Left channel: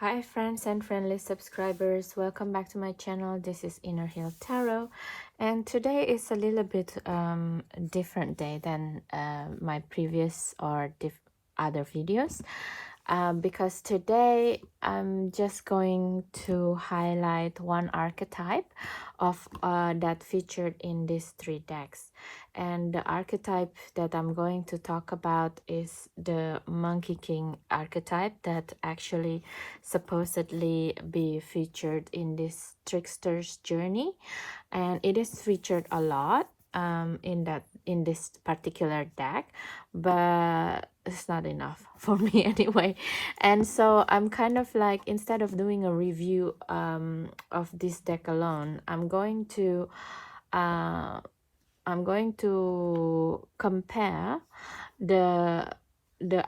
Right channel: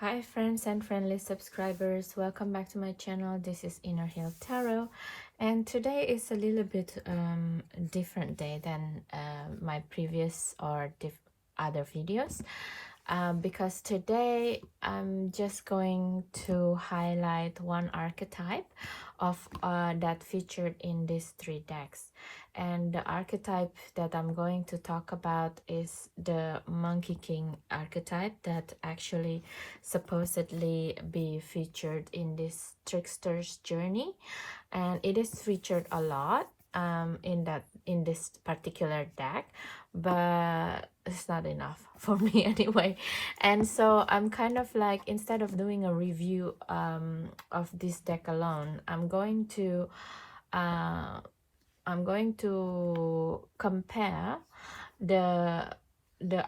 Hi friends and friendly subscribers, welcome back to my channel. This is Inner Hill Tarot, and today is a little bit different day than my previous or other videos, because today I'm just going to highlight one archetype of that featured in these three decks. And the archetype that I'm going to talk about is the Monkey King archetype that actually supposedly be featured in this trickster's journey, and it is featured a lot in this particular deck, but it's not enough for me anyway. And so I'm kind of like, instead of doing a review of this deck alone, I'm going to compare the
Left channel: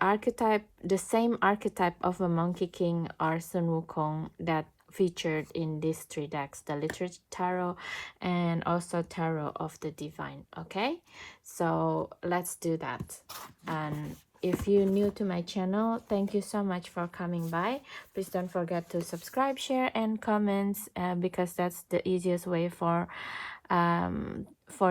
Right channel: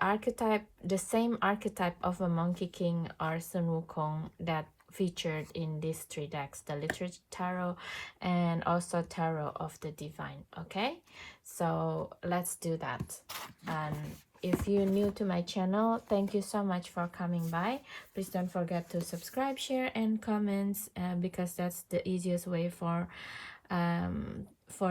archetype, the same archetype of a Monkey King or Sun Wukong that featured in these three decks, the Literature Tarot and also Tarot of the Divine. Okay, so let's do that. And if you're new to my channel, thank you so much for coming by. Please don't forget to subscribe, share and comments, because that's the easiest way for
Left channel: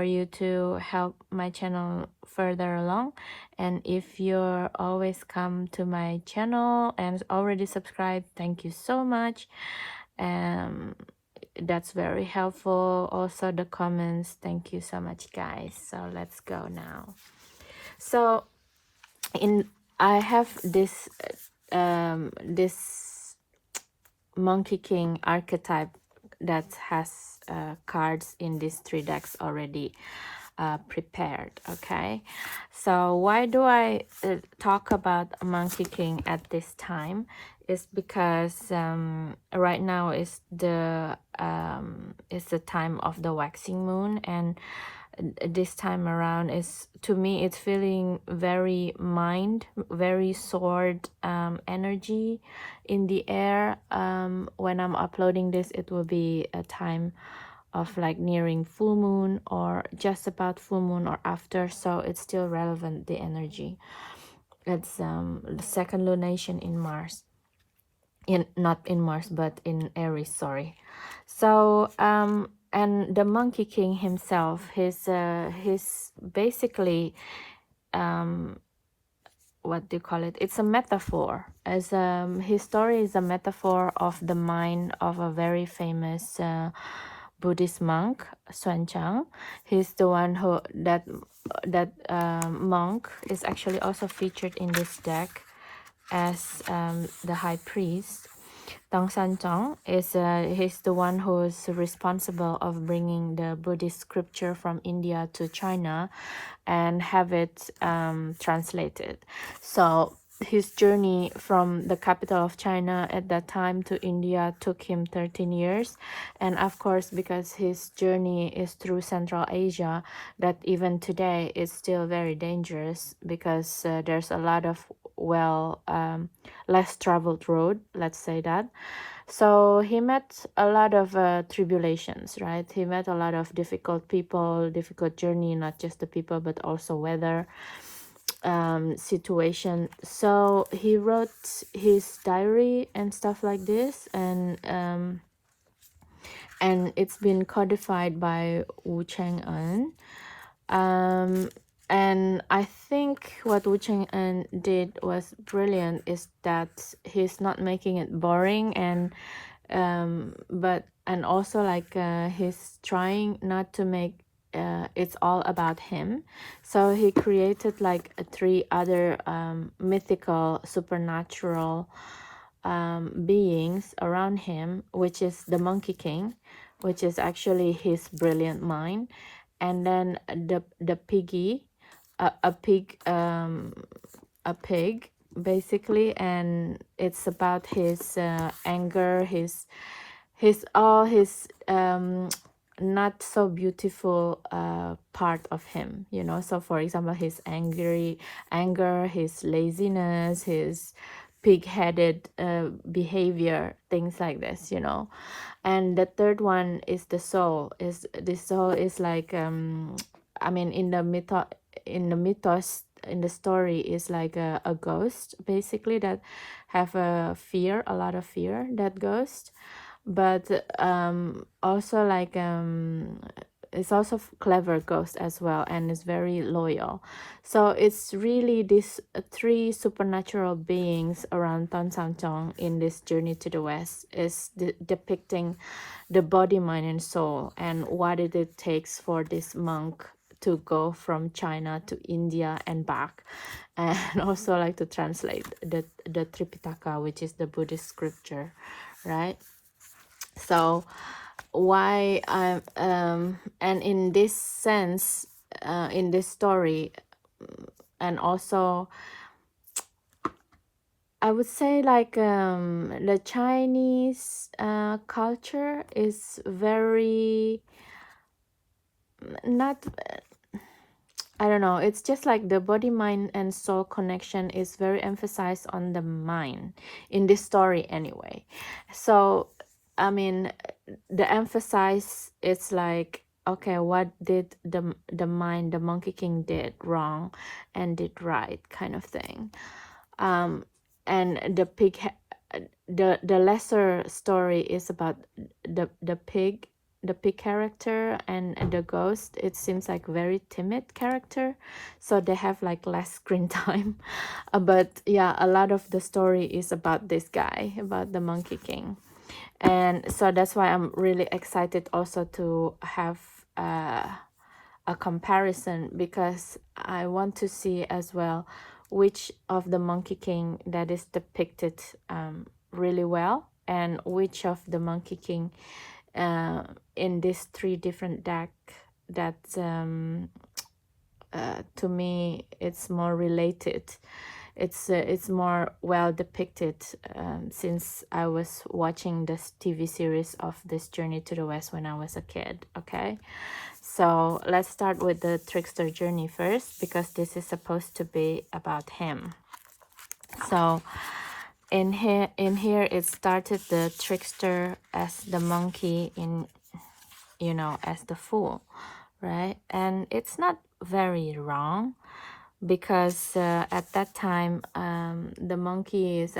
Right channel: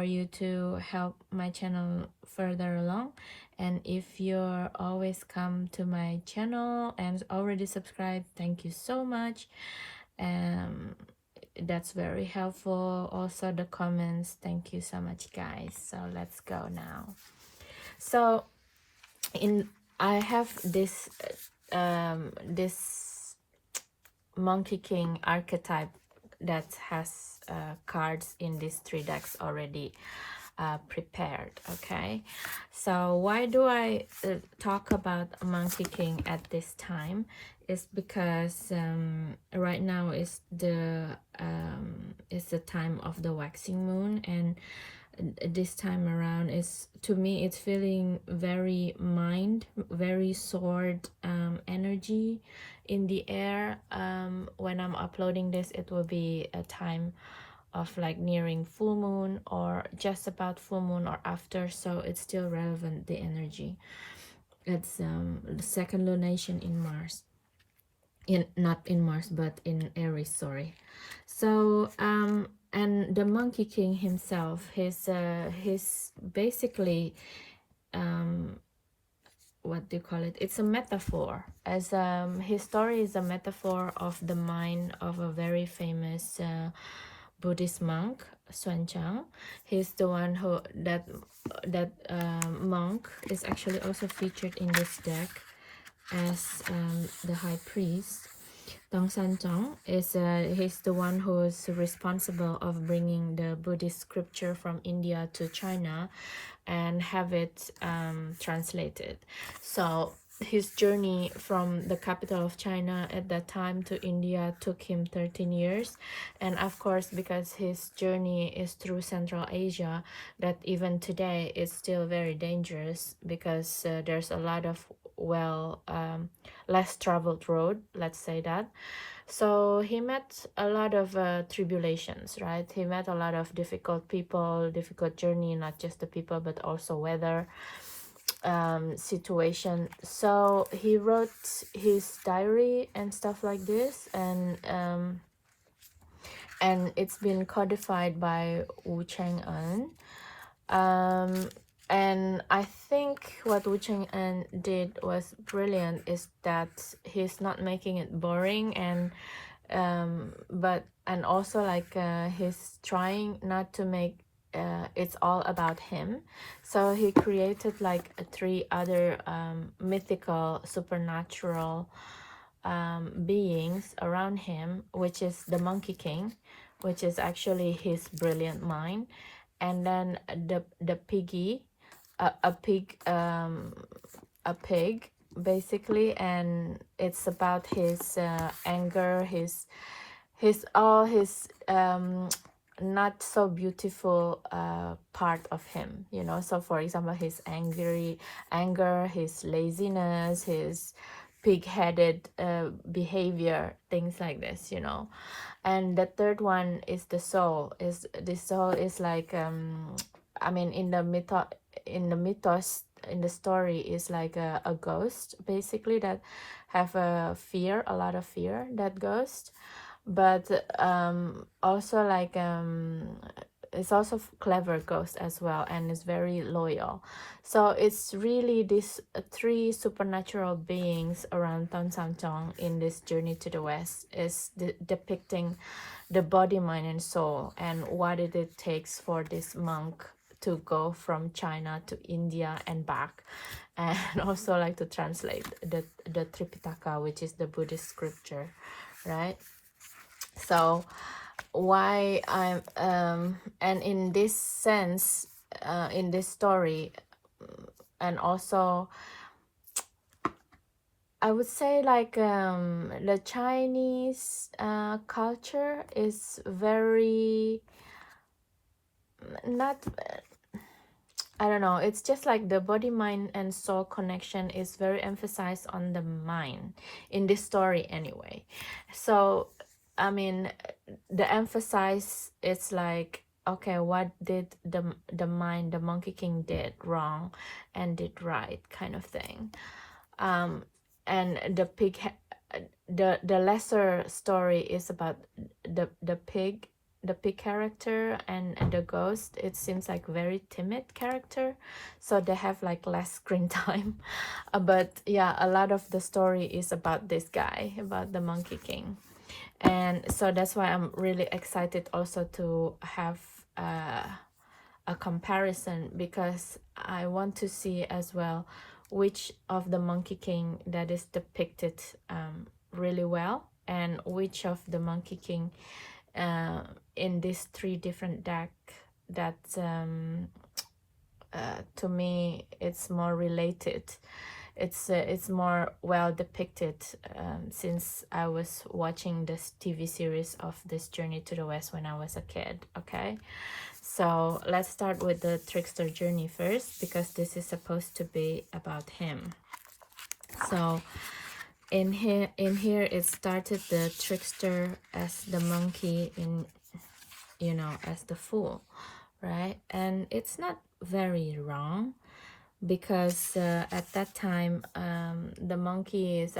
you to help my channel further along. And if you're always come to my channel and already subscribed, thank you so much. That's very helpful. Also the comments, thank you so much guys. So let's go now. So I have this this Monkey King archetype that has cards in these three decks already prepared. Okay, so why do I talk about Monkey King at this time? Is because right now is the time of the waxing moon, and this time around is, to me, it's feeling very very sword energy in the air. When I'm uploading this, it will be a time of like nearing full moon or just about full moon or after, so it's still relevant, the energy. It's the second lunation in Mars, not in Mars but in Aries, sorry. So and the Monkey King himself, he's basically what do you call it, it's a metaphor, as his story is a metaphor of the mind of a very famous Buddhist monk, Xuanzang. He's the one who that monk is actually also featured in this deck as the high priest. Tong Sanzong is he's the one who is responsible of bringing the Buddhist scripture from India to China and have it translated. So his journey from the capital of China at that time to India took him 13 years. And of course, because his journey is through Central Asia, that even today is still very dangerous, because there's a lot of less traveled road, let's say that. So he met a lot of tribulations, right? He met a lot of difficult people, difficult journey, not just the people, but also weather, situation. So he wrote his diary and stuff like this, and it's been codified by Wu Chang'an. And I think what Wu Chang'an did was brilliant, is that he's not making it boring, and and also like he's trying not to make it's all about him. So he created like three other mythical supernatural beings around him, which is the Monkey King, which is actually his brilliant mind, and then the piggy, a pig basically, and it's about his anger, his all his not so beautiful part of him, you know. So for example, his anger, his laziness, his pig-headed behavior, things like this, you know. And the third one is the soul. Is the soul is like I mean, in the mythos, in the story, is like a ghost basically, that have a fear, a lot of fear, that ghost. But also like it's also clever ghost as well, and is very loyal. So it's really these three supernatural beings around Tan Sang Chong in this journey to the west is depicting the body, mind, and soul, and what it takes for this monk to go from China to India and back, and also like to translate the Tripitaka, which is the Buddhist scripture, right? So why and in this sense, in this story, and also I would say like the Chinese culture is very not, I don't know, it's just like the body, mind, and soul connection is very emphasized on the mind in this story anyway. So I mean, the emphasis is like, okay, what did the mind, the Monkey King did wrong and did right, kind of thing. And the lesser story is about the pig, the pig character, and the ghost. It seems like very timid character, so they have like less screen time. But yeah, a lot of the story is about this guy, about the Monkey King. And so that's why I'm really excited also to have a comparison, because I want to see as well which of the Monkey King that is depicted really well, and which of the Monkey King in these three different deck that to me it's more related, it's more well depicted, since I was watching this TV series of this Journey to the West when I was a kid. Okay, so let's start with the trickster journey first, because this is supposed to be about him. So in here it started the trickster as the monkey, in, you know, as the fool, right? And it's not very wrong, because at that time the monkey is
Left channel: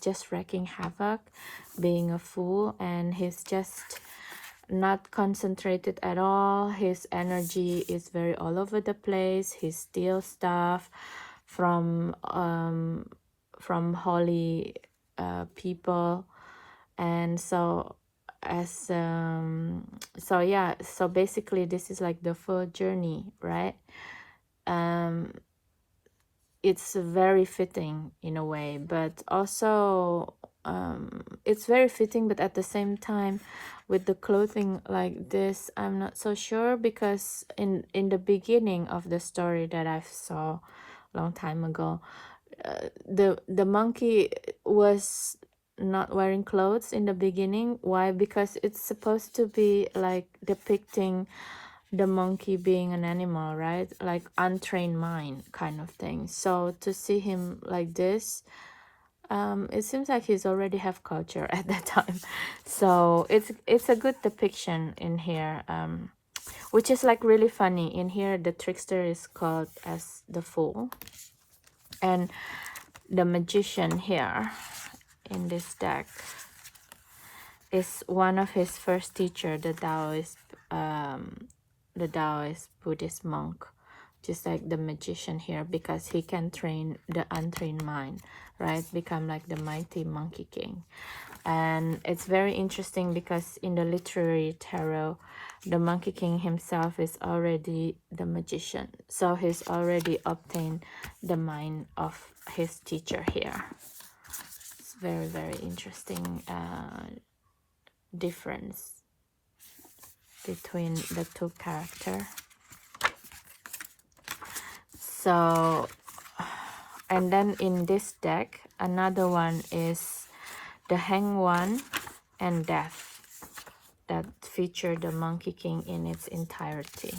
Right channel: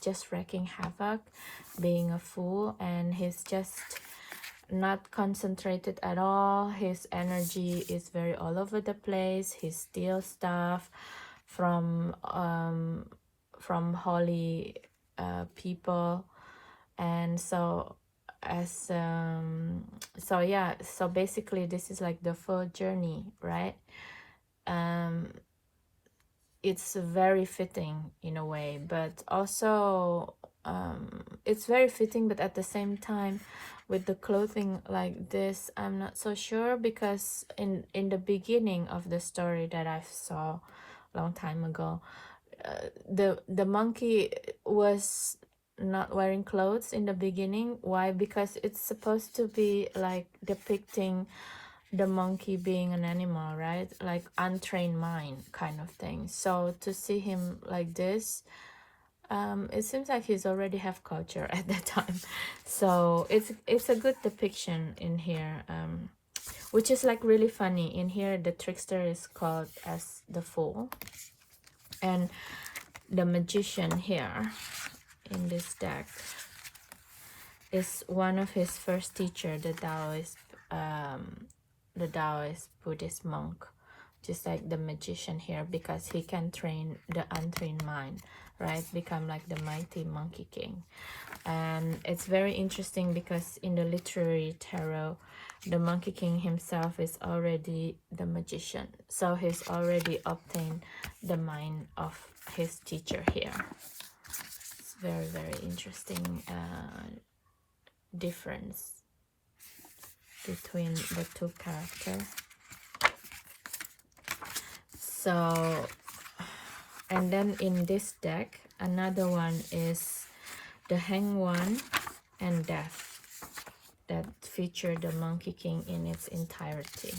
just wreaking havoc, being a fool, and he's just not concentrated at all. His energy is very all over the place. He steals stuff from holy people. And so as so yeah, so basically this is like the full journey, right? It's very fitting in a way, but also it's very fitting, but at the same time with the clothing like this, I'm not so sure, because in the beginning of the story that I saw a long time ago, the monkey was not wearing clothes in the beginning. Why? Because it's supposed to be like depicting the monkey being an animal, right? Like untrained mind kind of thing. So to see him like this, it seems like he's already have culture at that time. So it's a good depiction in here, which is like really funny. In here the trickster is called as the fool, and the magician here in this deck is one of his first teacher, the Taoist Buddhist monk, just like the magician here, because he can train the untrained mind, right? Become like the mighty Monkey King. And it's very interesting because in the literary tarot, the Monkey King himself is already the magician, so he's already obtained the mind of his teacher here. It's very, very interesting difference between the two characters. So, and then in this deck, another one is the Hanged One and Death, that feature the Monkey King in its entirety.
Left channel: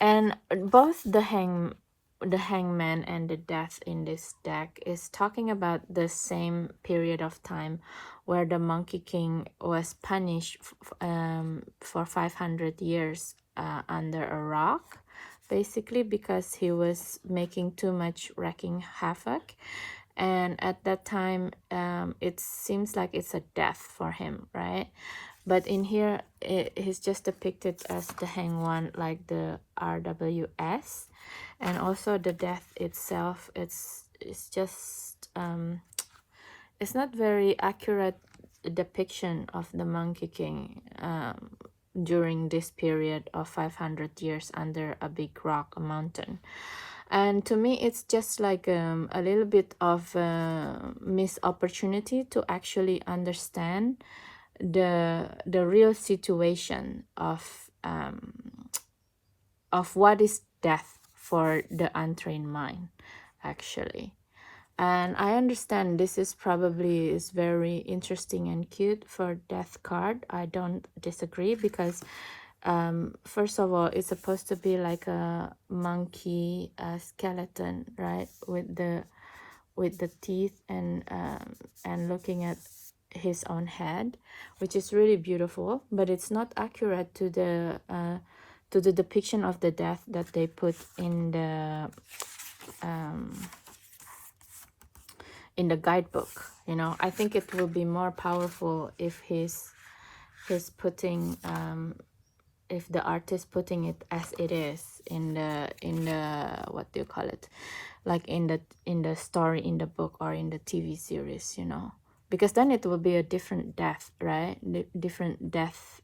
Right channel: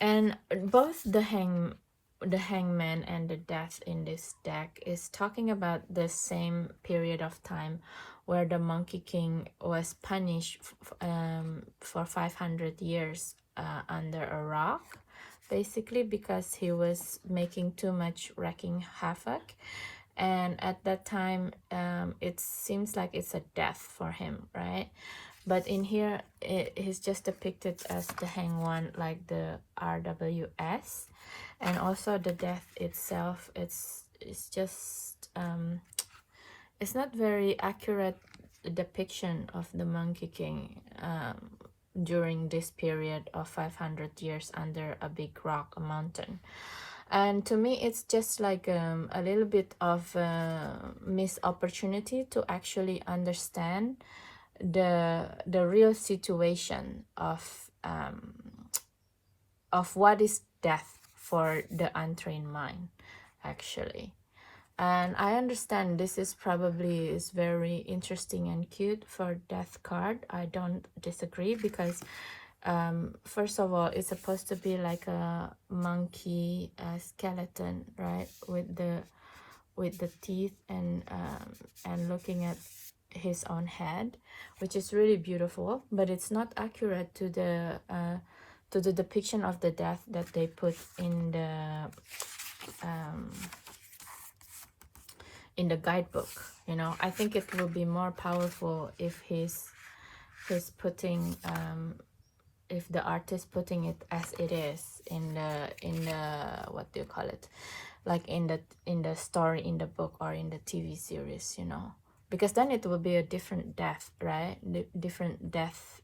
And both the Hangman and the Death in this deck is talking about the same period of time where the Monkey King was punished for 500 years under a rock, basically because he was making too much wreaking havoc. and at that time it seems like it's a death for him, right? But in here he's just depicted as the hanged one, like the RWS. And also the death itself, it's just it's not very accurate depiction of the Monkey King during this period of 500 years under a big rock, a mountain. And to me it's just like a little bit of missed opportunity to actually understand the real situation of what is death for the untrained mind, actually. And I understand this is probably is very interesting and cute for death card. I don't disagree, because first of all, it's supposed to be like a monkey skeleton, right, with the teeth and looking at his own head, which is really beautiful, but it's not accurate to the depiction of the death that they put in the guidebook. You know, I think it will be more powerful if he's putting if the artist putting it as it is in the what do you call it, like in the story, in the book, or in the TV series, you know, because then it will be a different death, right? Different death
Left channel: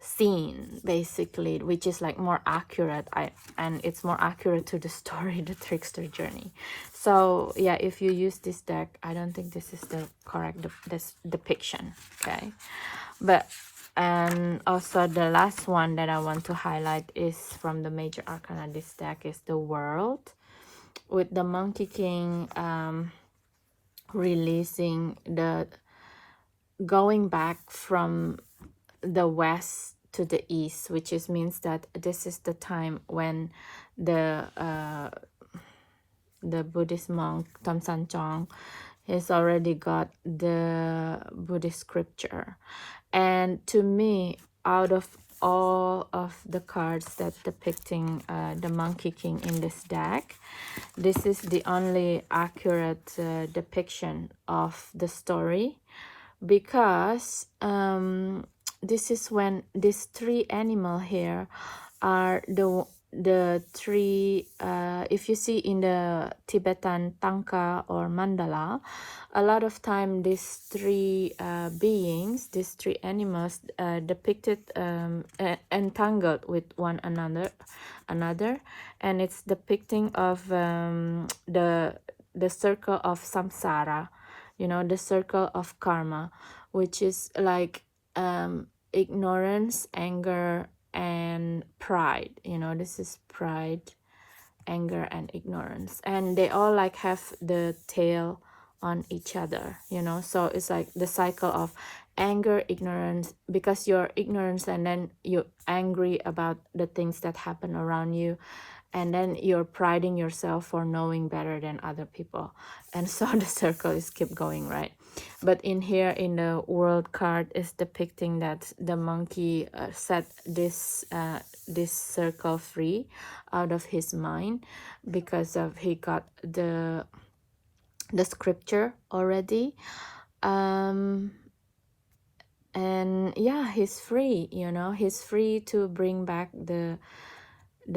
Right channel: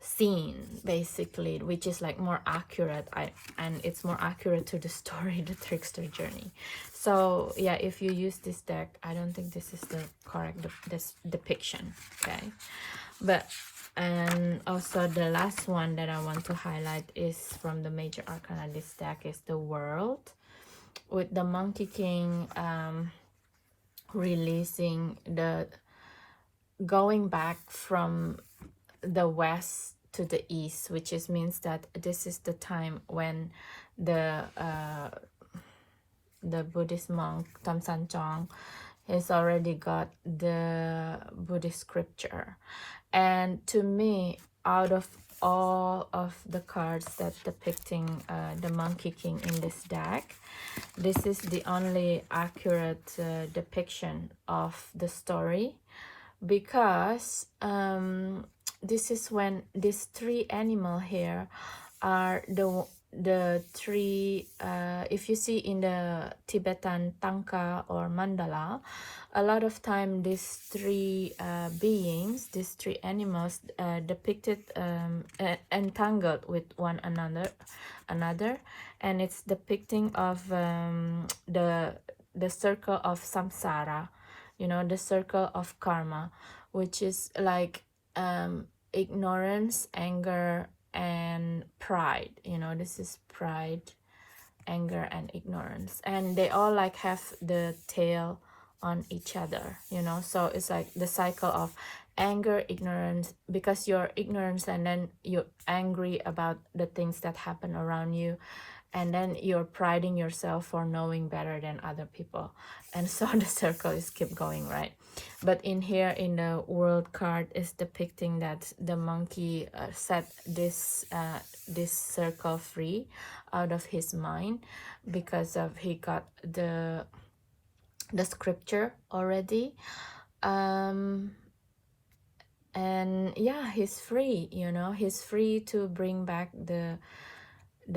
scene, basically, which is like more accurate. And it's more accurate to the story, the trickster journey. So yeah, if you use this deck, I don't think this is the correct this depiction. Okay, but also the last one that I want to highlight is from the major arcana. This deck is the World, with the Monkey King releasing the going back from the west to the east, which is means that this is the time when the Buddhist monk Tom San Chong has already got the Buddhist scripture. And to me, out of all of the cards that depicting the Monkey King in this deck, this is the only accurate depiction of the story, because this is when these three animal here are the three if you see in the Tibetan tanka or mandala, a lot of time these three beings, these three animals depicted entangled with one another, and it's depicting of the circle of samsara, you know, the circle of karma, which is like ignorance, anger, and pride. You know, this is pride, anger, and ignorance, and they all like have the tail on each other, you know. So it's like the cycle of anger, ignorance, because you're ignorant and then you're angry about the things that happen around you, and then you're priding yourself for knowing better than other people, and so the circle is keep going, right? But in here, in the World card, is depicting that the monkey set this circle free out of his mind, because of he got the scripture already, and yeah, he's free, you know, he's free to bring back the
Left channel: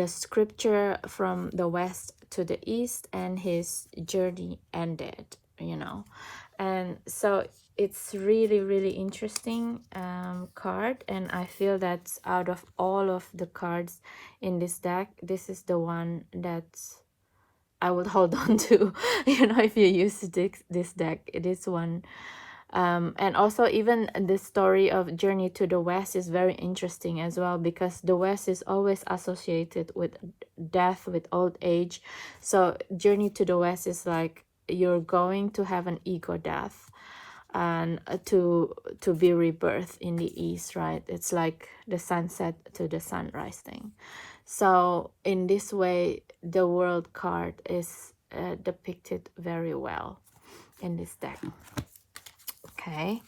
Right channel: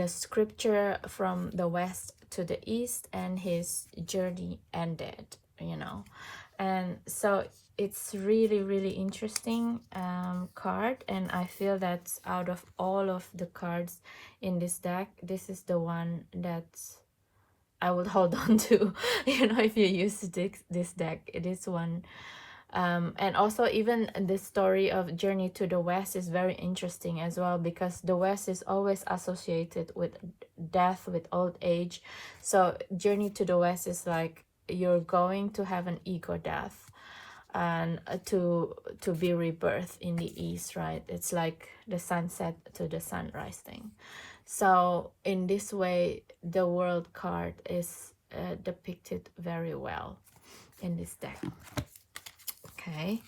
scripture from the west to the east, and his journey ended, you know. And so it's really interesting card, and I feel that out of all of the cards in this deck, this is the one that I would hold on to, you know, if you use this deck, this one. And also even the story of Journey to the West is very interesting as well, because the West is always associated with death, with old age. So Journey to the West is like you're going to have an ego death, and to be rebirthed in the East, right? It's like the sunset to the sunrise thing. So in this way, the World card is depicted very well in this deck. Okay,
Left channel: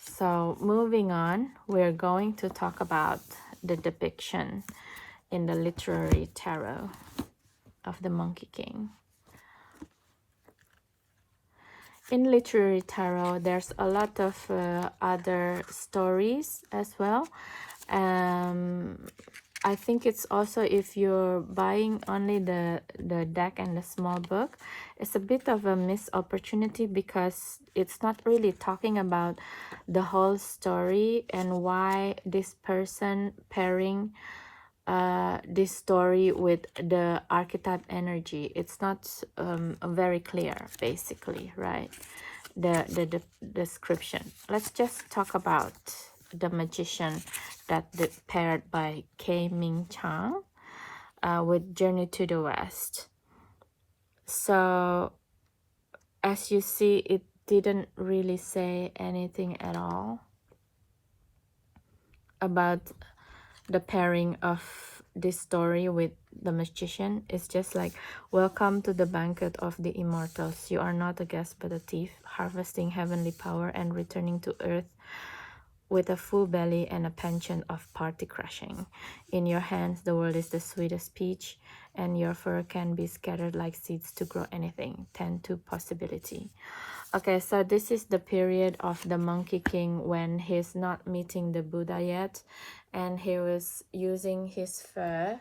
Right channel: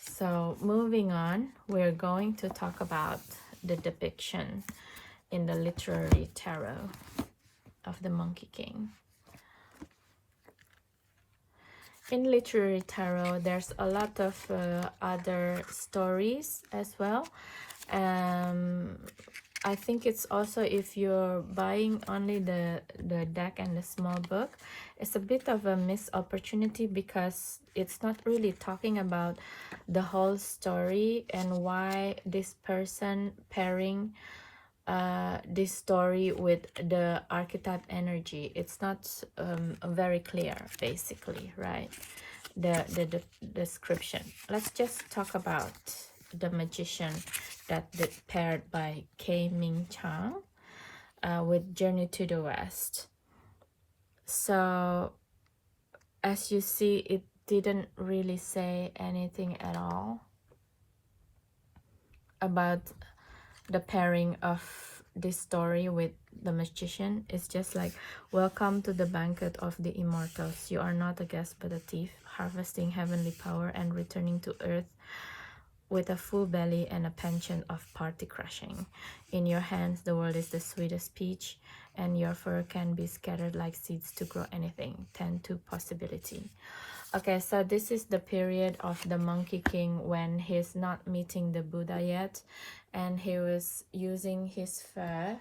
so moving on, we're going to talk about the depiction in the literary tarot. of the Monkey King. In literary tarot, there's a lot of other stories as well. I think it's also, if you're buying only the deck and the small book, it's a bit of a missed opportunity, because it's not really talking about the whole story and why this person pairing this story with the archetype energy. It's not very clear, basically, right? The description. Let's just talk about the Magician, that paired by K. Ming Chang with Journey to the West. So as you see, it didn't really say anything at all about the pairing of this story with the Magician. Is just like, welcome to the banquet of the immortals. You are not a guest but a thief, harvesting heavenly power and returning to earth with a full belly and a penchant of party crashing. In your hands the world is the sweetest peach, and your fur can be scattered like seeds to grow anything. 10 to possibility. Okay, so this is the period of the Monkey King when he's not meeting the Buddha yet, and he was using his fur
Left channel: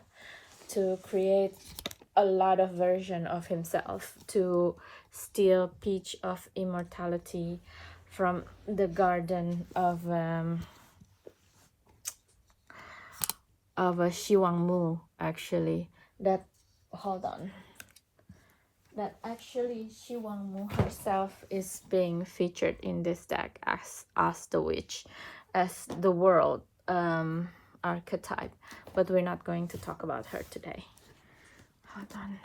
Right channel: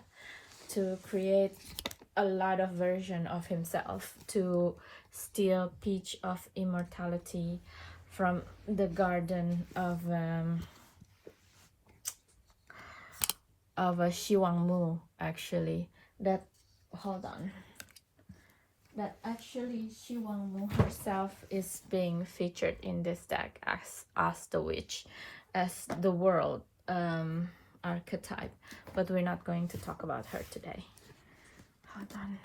to create a lot of version of himself, to steal peach of immortality from the garden of a Shiwangmu, actually. That, hold on, that actually Shiwangmu herself is being featured in this deck as the witch, as the world archetype, but we're not going to talk about her today. Hold on,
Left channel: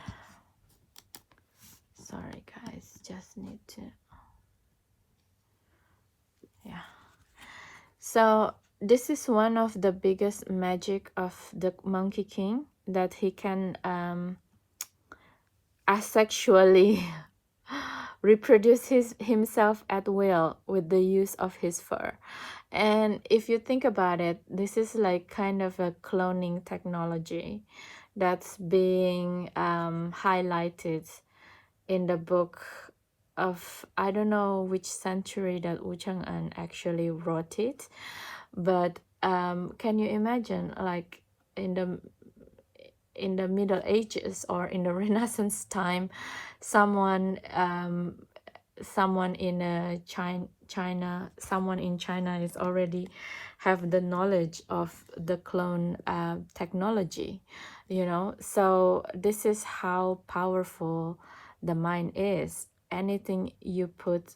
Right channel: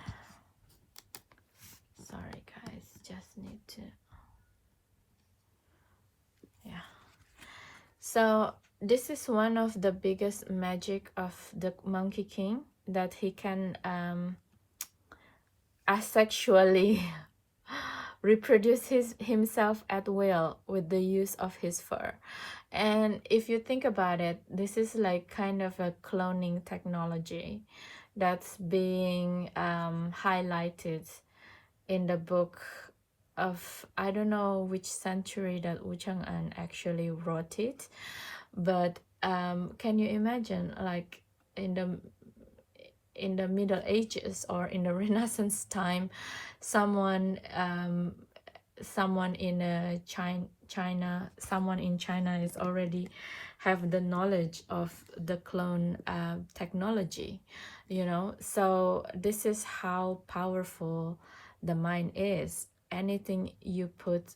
sorry guys, just need to, yeah. So this is one of the biggest magic of the Monkey King, that he can asexually reproduce himself at will with the use of his fur. And if you think about it, this is like kind of a cloning technology that's being highlighted in the book of, I don't know which century that Wu Chang'an actually wrote it, but can you imagine, like in the Middle Ages or in the Renaissance time, someone in China, someone in China is already have the knowledge of the clone technology, you know. So this is how powerful the mind is. Anything you put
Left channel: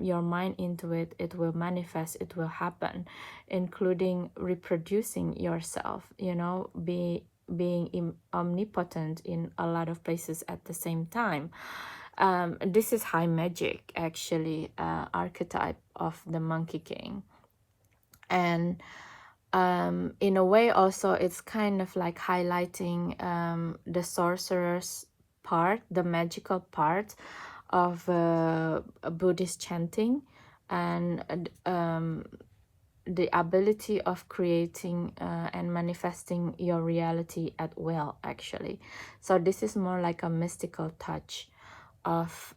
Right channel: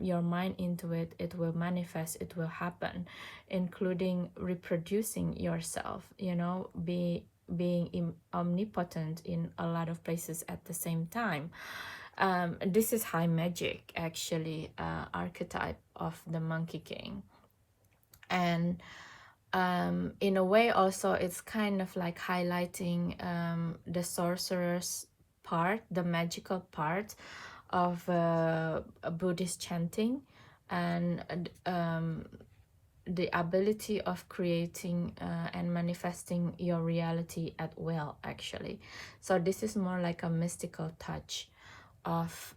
your mind into it, it will manifest, it will happen, including reproducing yourself, you know, being omnipotent in a lot of places at the same time. This is high magic, actually, archetype of the Monkey King. And in a way also, it's kind of like highlighting the sorcerer's part, the magical part of Buddhist chanting, and the ability of creating and manifesting your reality at will, actually. So this is more like a mystical touch of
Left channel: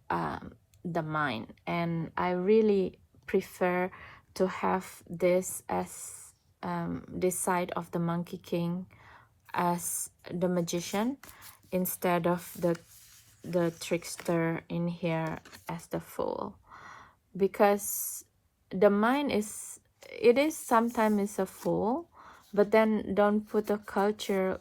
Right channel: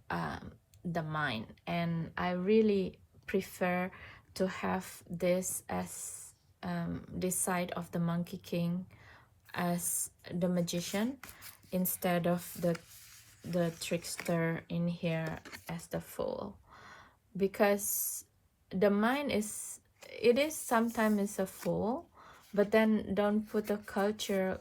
the mind, and I really prefer to have this as this side of the Monkey King as the Magician, instead of the trickster in here as the Fool, because the mind is, it is sometimes a fool, but then don't put a culture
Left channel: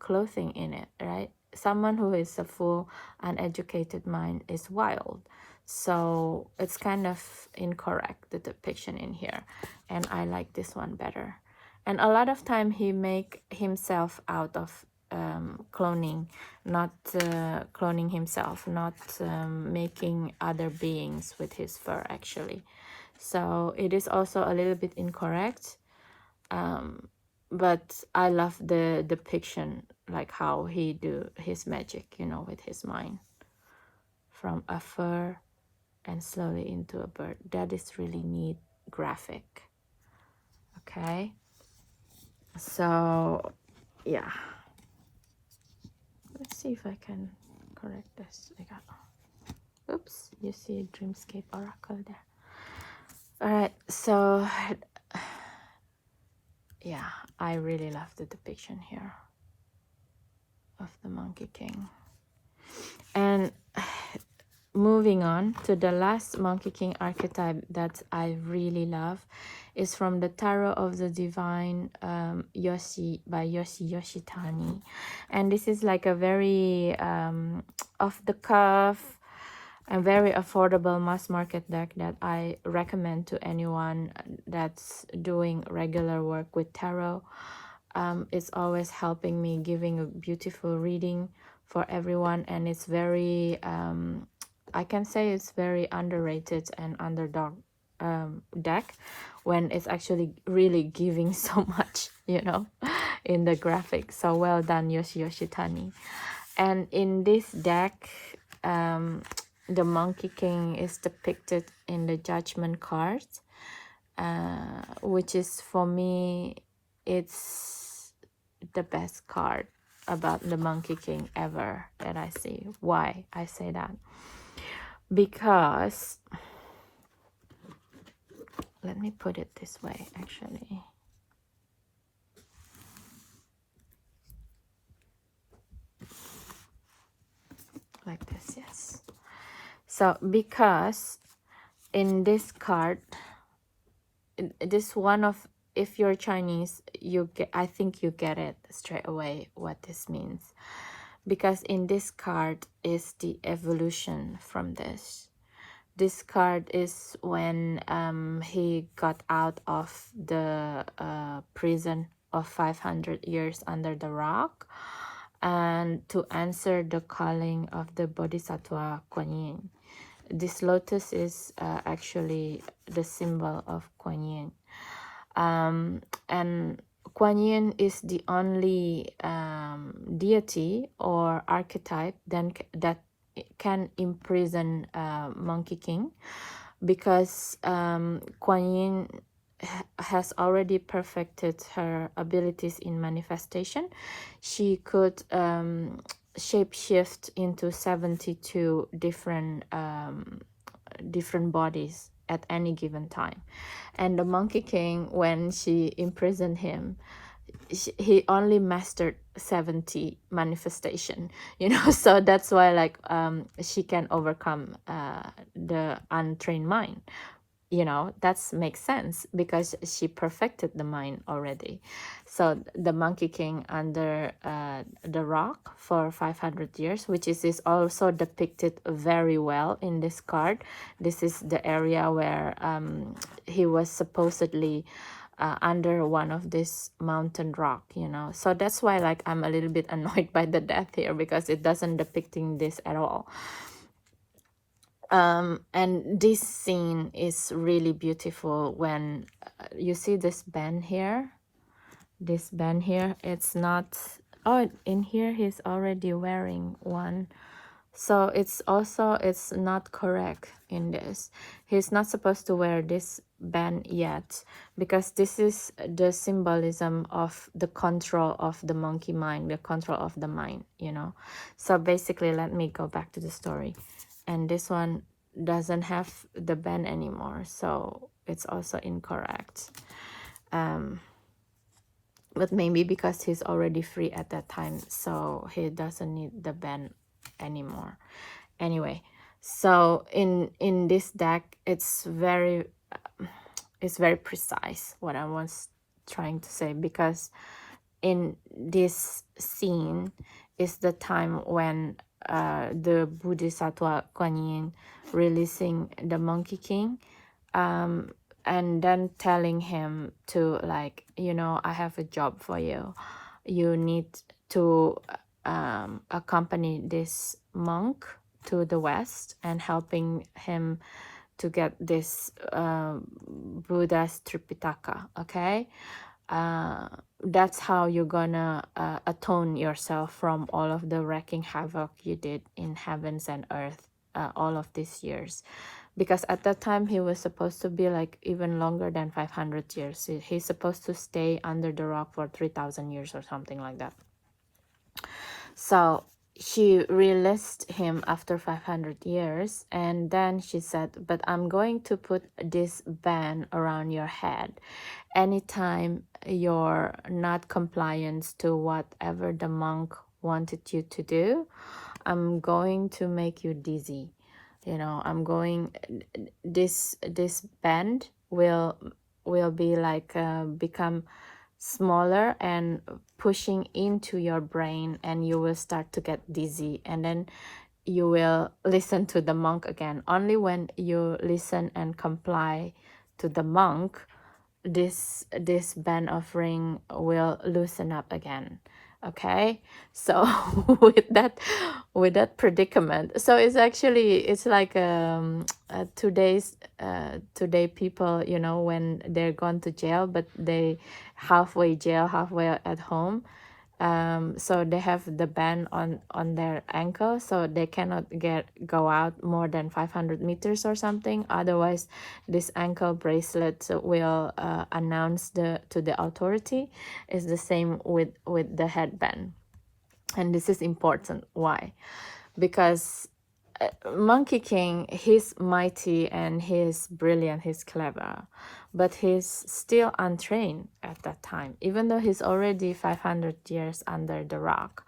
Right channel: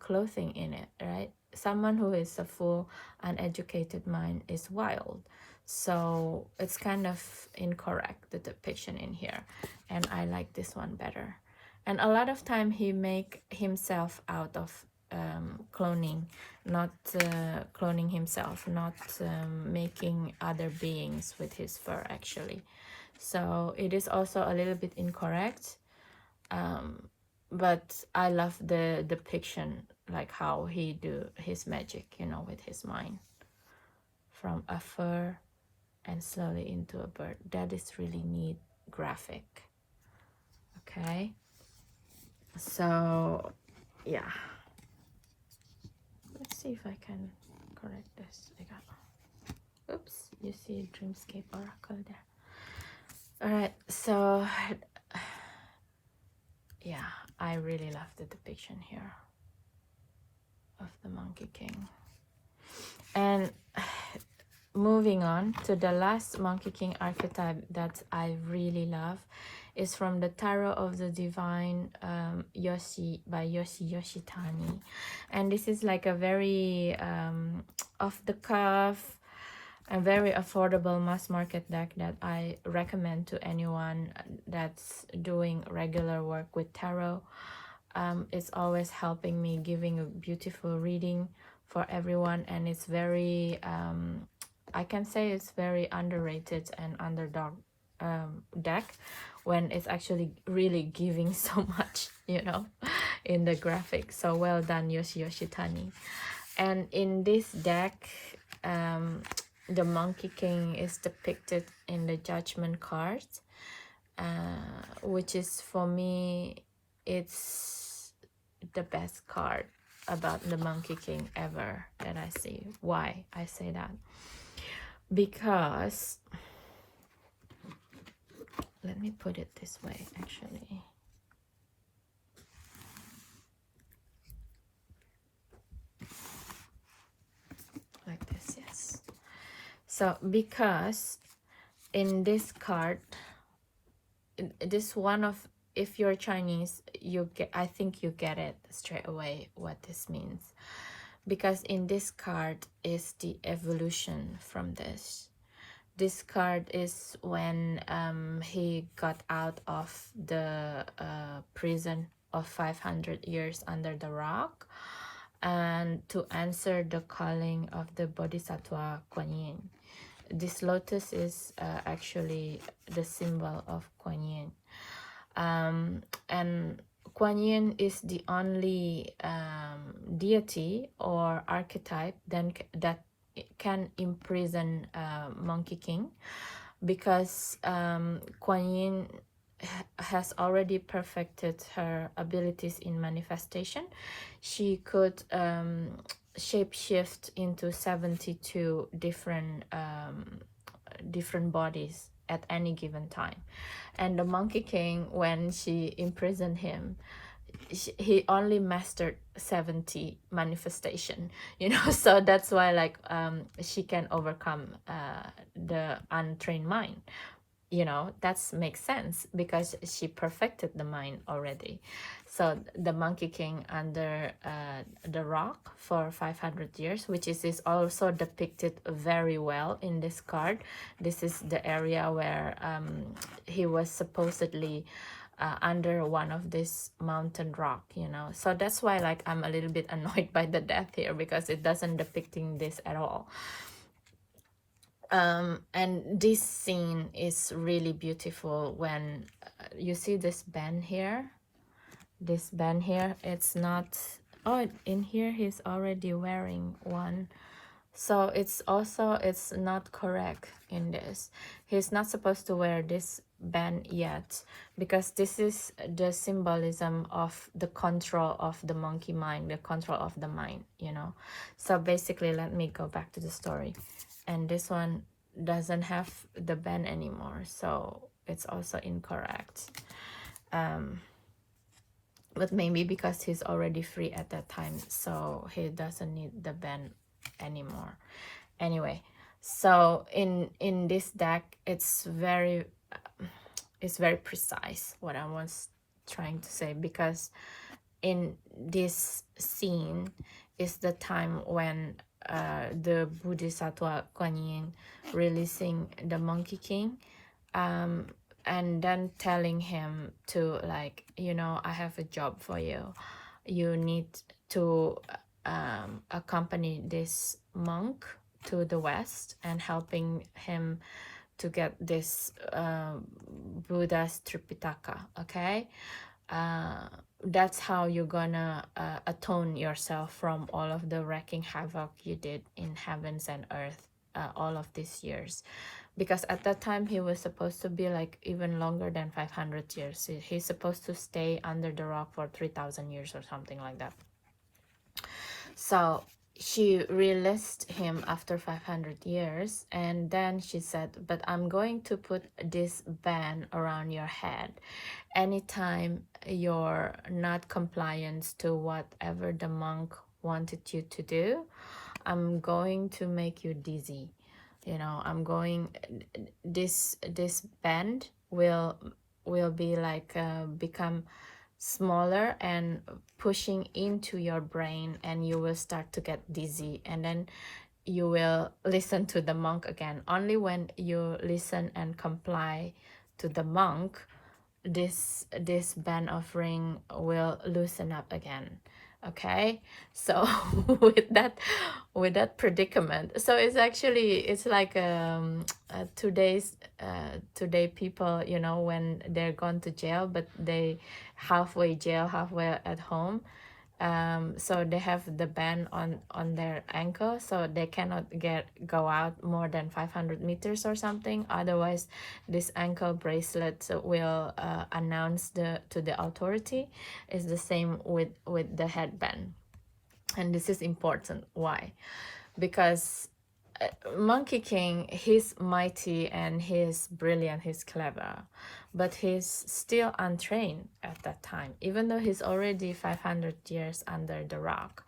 clothing in it, right? Someone who is a full uneducated mind is wild, so it's kind of incorrect, the depiction in here, and I like this one better. And a lot of time he make himself out of cloning, not cloning himself, not making other beings with his fur, actually. So it is also a little bit incorrect, but I love the depiction, like how he do his magic, you know, with his mind, from a fur and slowly into a bird. That is really neat graphic. Okay, so yeah, let's see if I can correct this. I got, oops, you see Dreamscape Oracle there. All right, so yeah, I really love the depiction here of the Monkey King. And moving on to the last Monkey King archetype that I really love is from the Tarot of the Divine, Yoshi by Yoshi Yoshitani. And this is like a very off the cuff and very affordable mass market deck that I recommend to anyone that's doing regular work with tarot. It's always helping me, giving a beautiful reading for everyone, and it's very I can say it's very underrated and underdog deck, when it's actually really giving so much, you know, in the graphic. So well done, Yoshi Yoshitani. And in this deck, the Monkey King is depicted in the Judgment card, which is, for me, it's the best card about the Monkey King ever that I see. Why I say that? Because, let me put it this way, actually. Like this, yes. So, because in this card, this one of, if you're Chinese, you get, I think you get it straight away what this means. Because in this card is the evolution from this. This card is when he got out of the prison of 500 years under the rock, and to answer the calling of the Bodhisattva Kuan Yin. This lotus is actually the symbol of Kuan Yin. And Kuan Yin is the only deity or archetype then that can imprison Monkey King, because Kuan Yin has already perfected her abilities in manifestation. She could shapeshift into 72 different bodies at any given time. And the Monkey King, when she imprisoned him, he only mastered 70 manifestation, you know. So that's why, like, she can overcome the untrained mind, you know. That makes sense because she perfected the mind already. So the Monkey King under the rock for 500 years, which is also depicted very well in this card. This is the area where he was supposedly under one of this mountain rock, you know. So that's why, like, I'm a little bit annoyed by the death here, because it doesn't depicting this at all. And this scene is really beautiful when you see this band here. This band here, it's not, oh, in here he's already wearing one. So it's also, it's not correct in this. He's not supposed to wear this band yet, because this is the symbolism of the control of the monkey mind, the control of the mind, you know. So basically, let me go back to the story. And this one doesn't have the band anymore, so it's also incorrect. But maybe because he's already free at that time, so he doesn't need the band anymore. Anyway, so in this deck, it's very precise what I was trying to say, because in this scene is the time when the Bodhisattva Kuan Yin releasing the Monkey King, and then telling him to, like, you know, I have a job for you. You need to accompany this monk to the West and helping him to get this Buddha's Tripitaka, okay? That's how you're gonna atone yourself from all of the wrecking havoc you did in heavens and earth all of these years. Because at that time he was supposed to be like even longer than 500 years. He's supposed to stay under the rock for 3,000 years or something like that. So she released him after 500 years, and then she said, but I'm going to put this band around your head. Anytime you're not compliant to whatever the monk wanted you to do, I'm going to make you dizzy. You know, I'm going, this band will be like become smaller and pushing into your brain, and you will start to get dizzy, and then you will listen to the monk again. Only when you listen and comply to the monk, this band of ring will loosen up again. Okay, so with that predicament, so it's actually, it's like today people, you know, when they're gone to jail, but they halfway jail, halfway at home. So they have the band on their ankle, so they cannot go out more than 500 meters or something. Otherwise, this ankle bracelet will announce to the authority. Is the same with the headband. And this is important. Why? Because Monkey King, he's mighty and he's brilliant, he's clever, but he's still untrained at that time, even though he's already 500 years under the rock.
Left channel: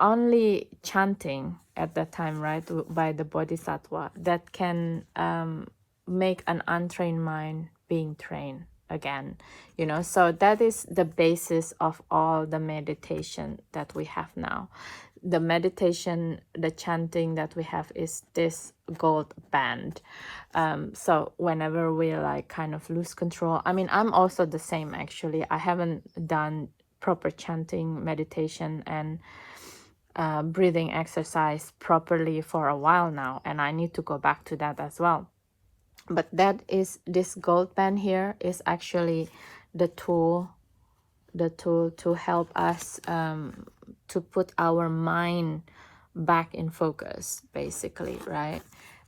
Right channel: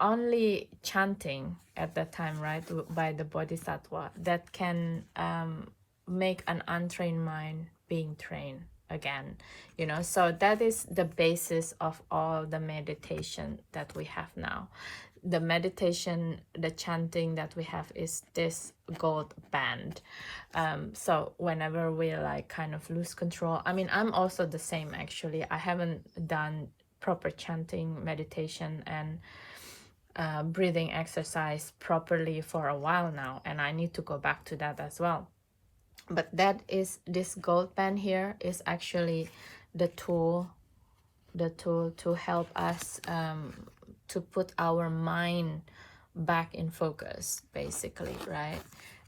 Only chanting at that time, right, by the bodhisattva, that can make an untrained mind being trained again, you know. So that is the basis of all the meditation that we have now. The meditation, the chanting that we have is this gold band. So whenever we like kind of lose control, I mean, I'm also the same actually. I haven't done proper chanting, meditation, and breathing exercise properly for a while now, and I need to go back to that as well. But that is, this gold band here is actually the tool to help us to put our mind back in focus, basically, right?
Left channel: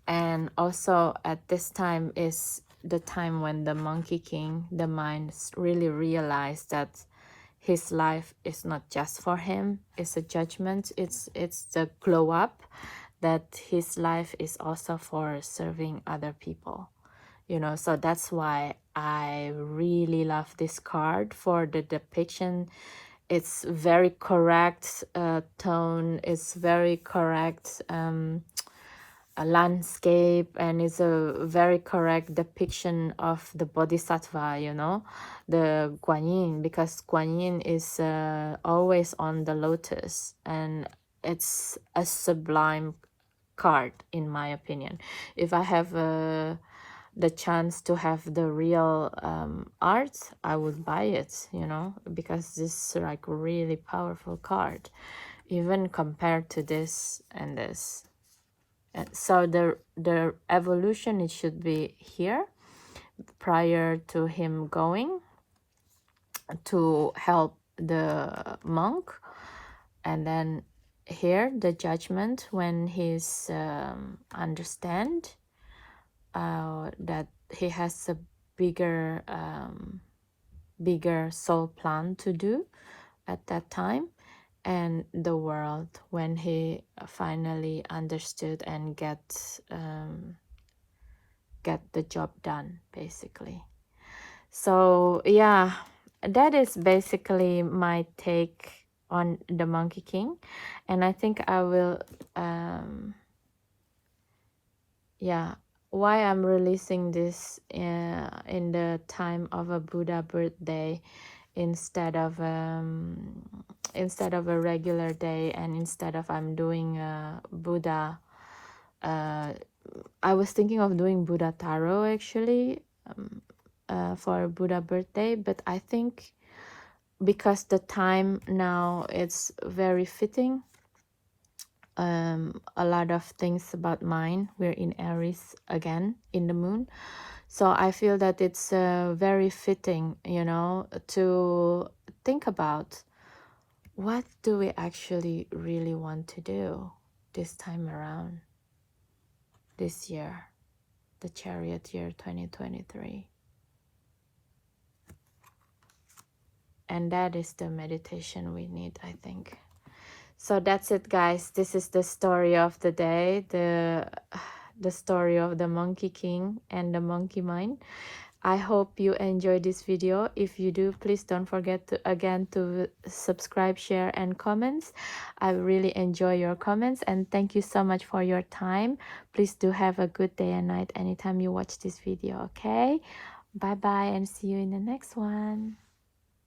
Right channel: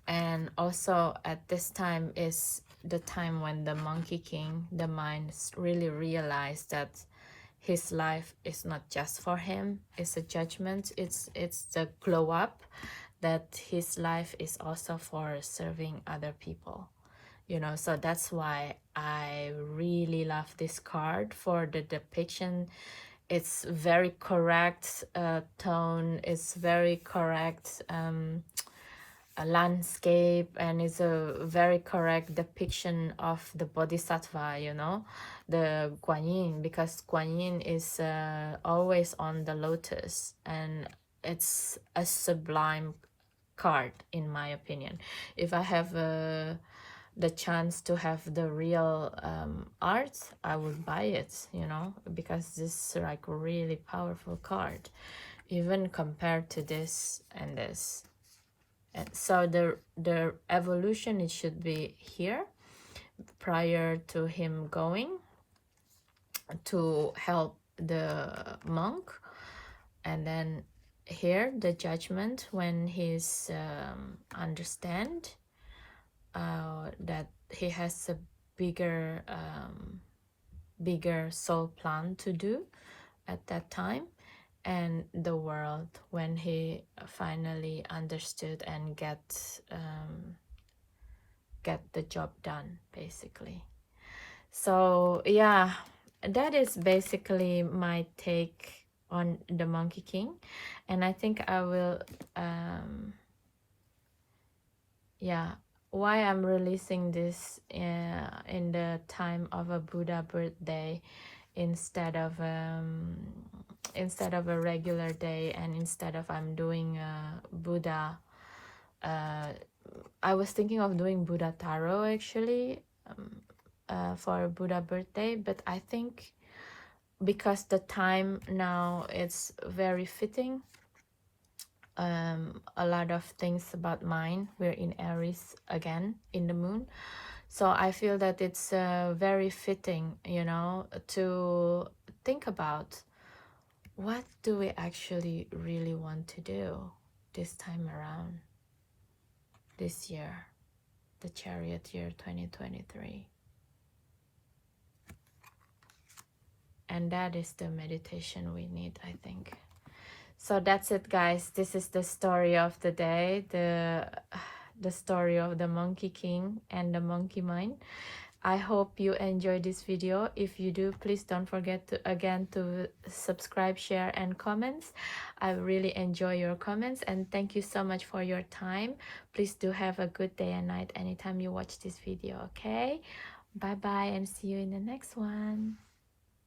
And also at this time is the time when the Monkey King, the mind, really realized that his life is not just for him, it's a judgment, it's the glow up, that his life is also for serving other people, you know. So that's why I really love this card for the depiction. It's very correct tone, it's very correct a landscape, and it's a very correct depiction of the bodhisattva, you know, the Guan Yin, because Guan Yin is always on the lotus, and it's a sublime card in my opinion. If I have the chance to have the real art, I would buy it, you know, because this is like really powerful card, even compared to this and this. So the evolution, it should be here prior to him going to help the monk, and then here the judgment when he's understand that he has a bigger soul plan to do at that time, and the world when he finally understood and get the job done, basically. So yeah, that is basically my take on the Monkey King, and I think I will yeah, why I'm releasing this in the time of a Buddha birthday instead of a regular day, and instead of I'm doing Buddha. I was thinking of doing Buddha Taro actually for Buddha birthday, but I think because the time now it's very fitting. A lot of things about mine. We're in Aries again in the moon, so I feel that it's very fitting, you know, to think about what do we actually really want to do this time around, this year, the Chariot year 2023. And that is the meditation we need, I think. So that's it, guys. This is the story of the day, the story of the Monkey King and the monkey mind. I hope you enjoyed this video. If you do, please don't forget to again to subscribe, share, and comments. I really enjoy your comments, and thank you so much for your time. Please do have a good day and night anytime you watch this video. Okay, bye bye, and see you in the next one.